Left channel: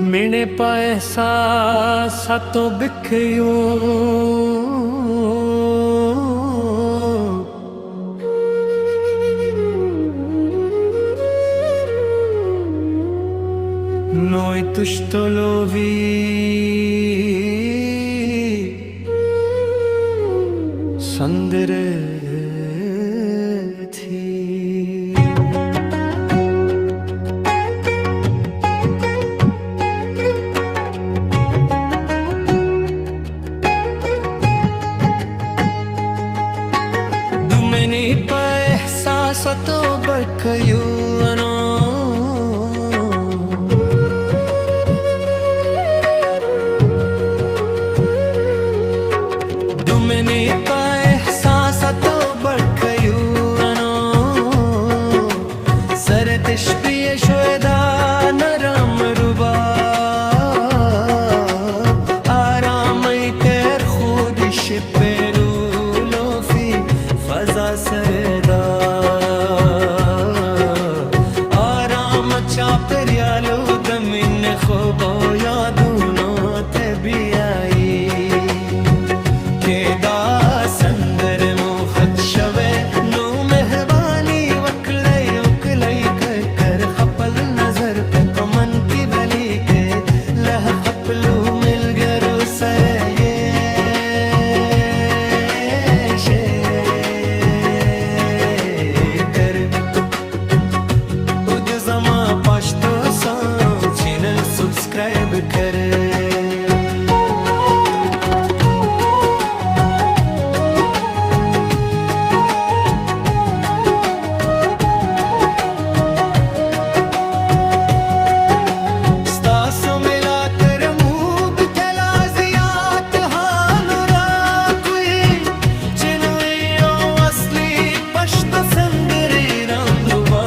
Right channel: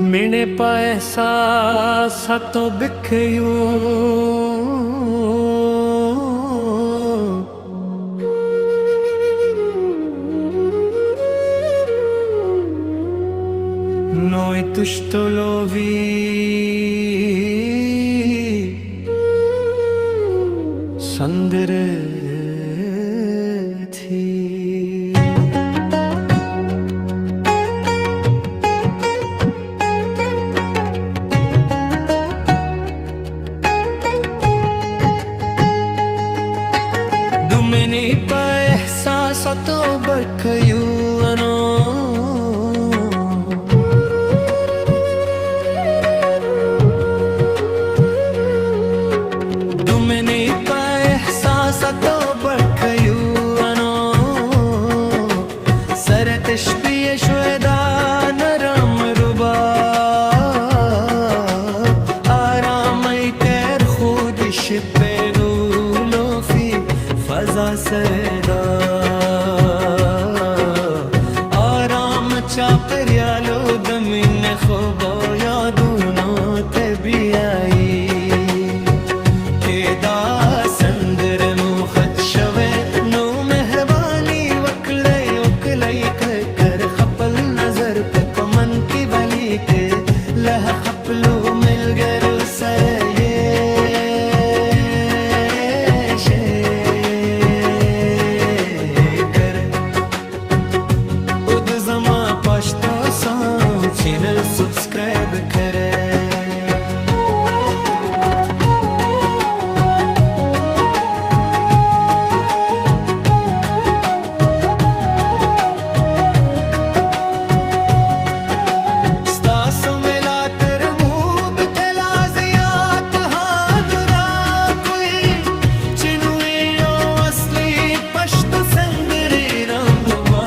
मिने पैसा सतो बिखयो noi tušto lovi संदरे थी दुमनी पैसा सतो बखयू अनो दुमनी पैसा सतो बखयू अनो सरतिश प्रिय श्वेदा नरम रुबा आराम कर खुदिश पेरू लोफी फजा सरदा आराम चापरियालो दमिन खोबो यादूनो तबियाई केदा संदर मुखत शवे नो मेहरबानी वकले उकलई कर खपल नजर पे कमन की भली के लह खपलू मिल गरू सर ये Zama Pashto song channel subscribe करे स्तासो मिला तर मूब तलाजियात हानुरा कोई चिनुई ओ असली पश्त संदरी रंगवा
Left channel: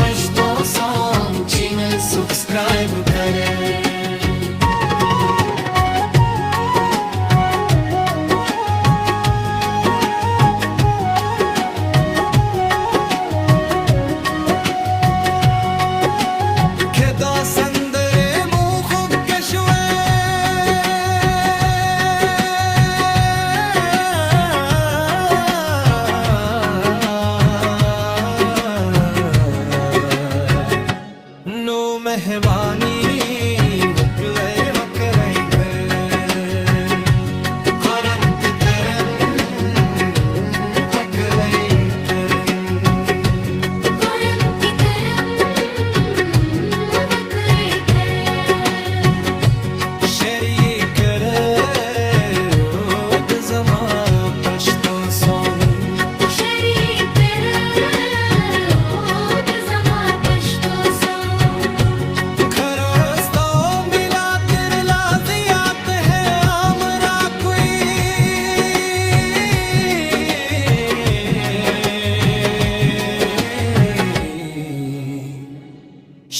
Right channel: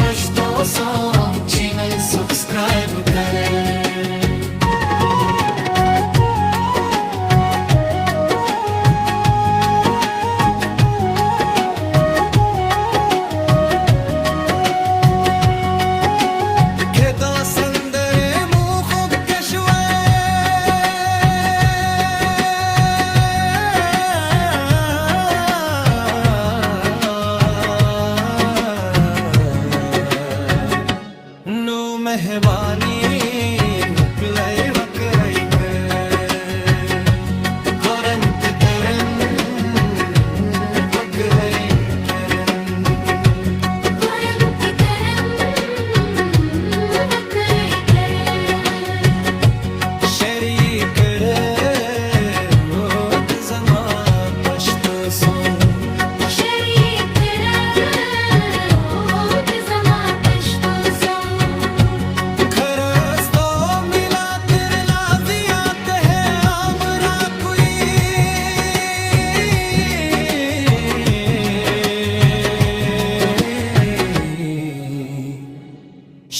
पश्तो सॉन्ग चैनल सब्सक्राइब करें खेदा संदरे मुँह खूब कशवे मेहरबानी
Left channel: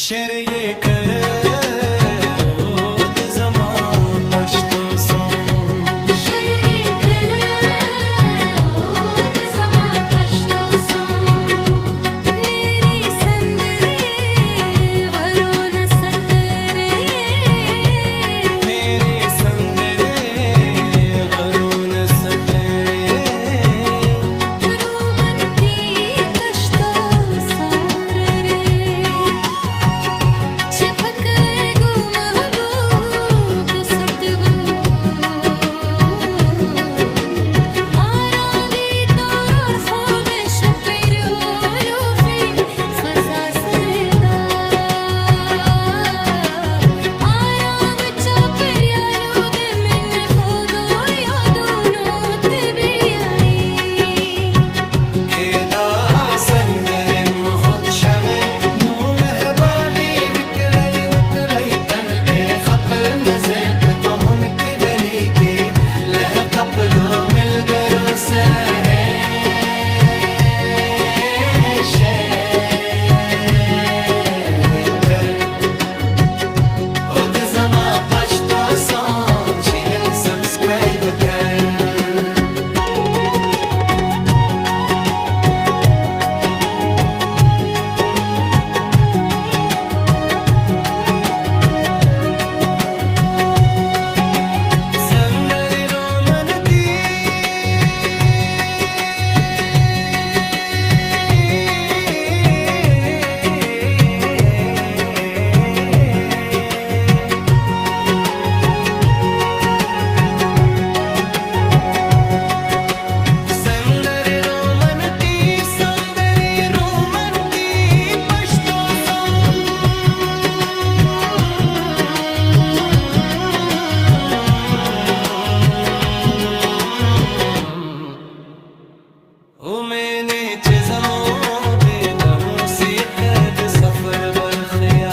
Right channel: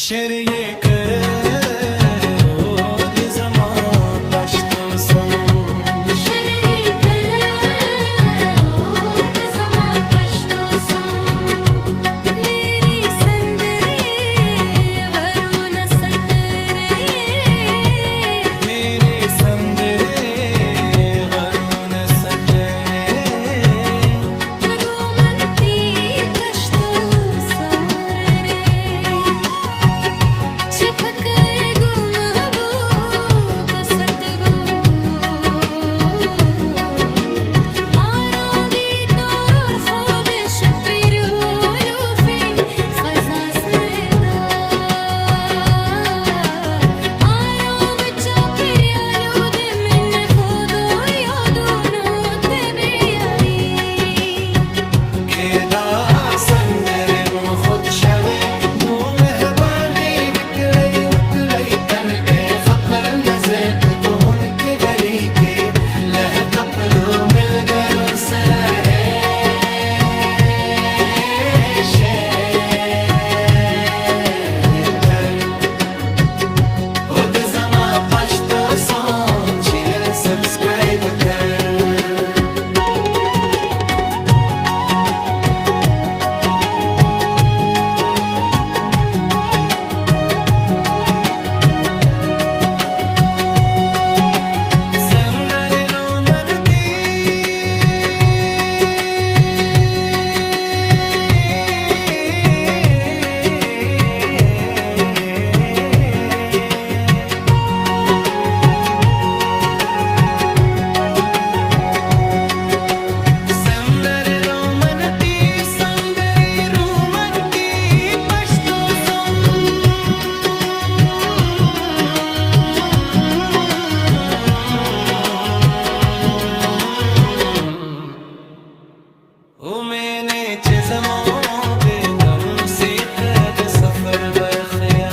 शेर ये करे ओ दजमा पश्तो सोम कपलो मिल गरो सहे खुद जमा पश्तो सोम चैनल सब्सक्राइब कर जमो बेदमो सीक़द सफर बरखया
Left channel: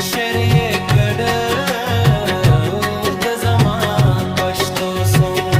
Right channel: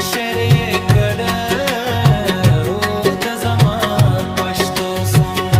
शेर ये कड़ ओ दजमा पश्तो सोम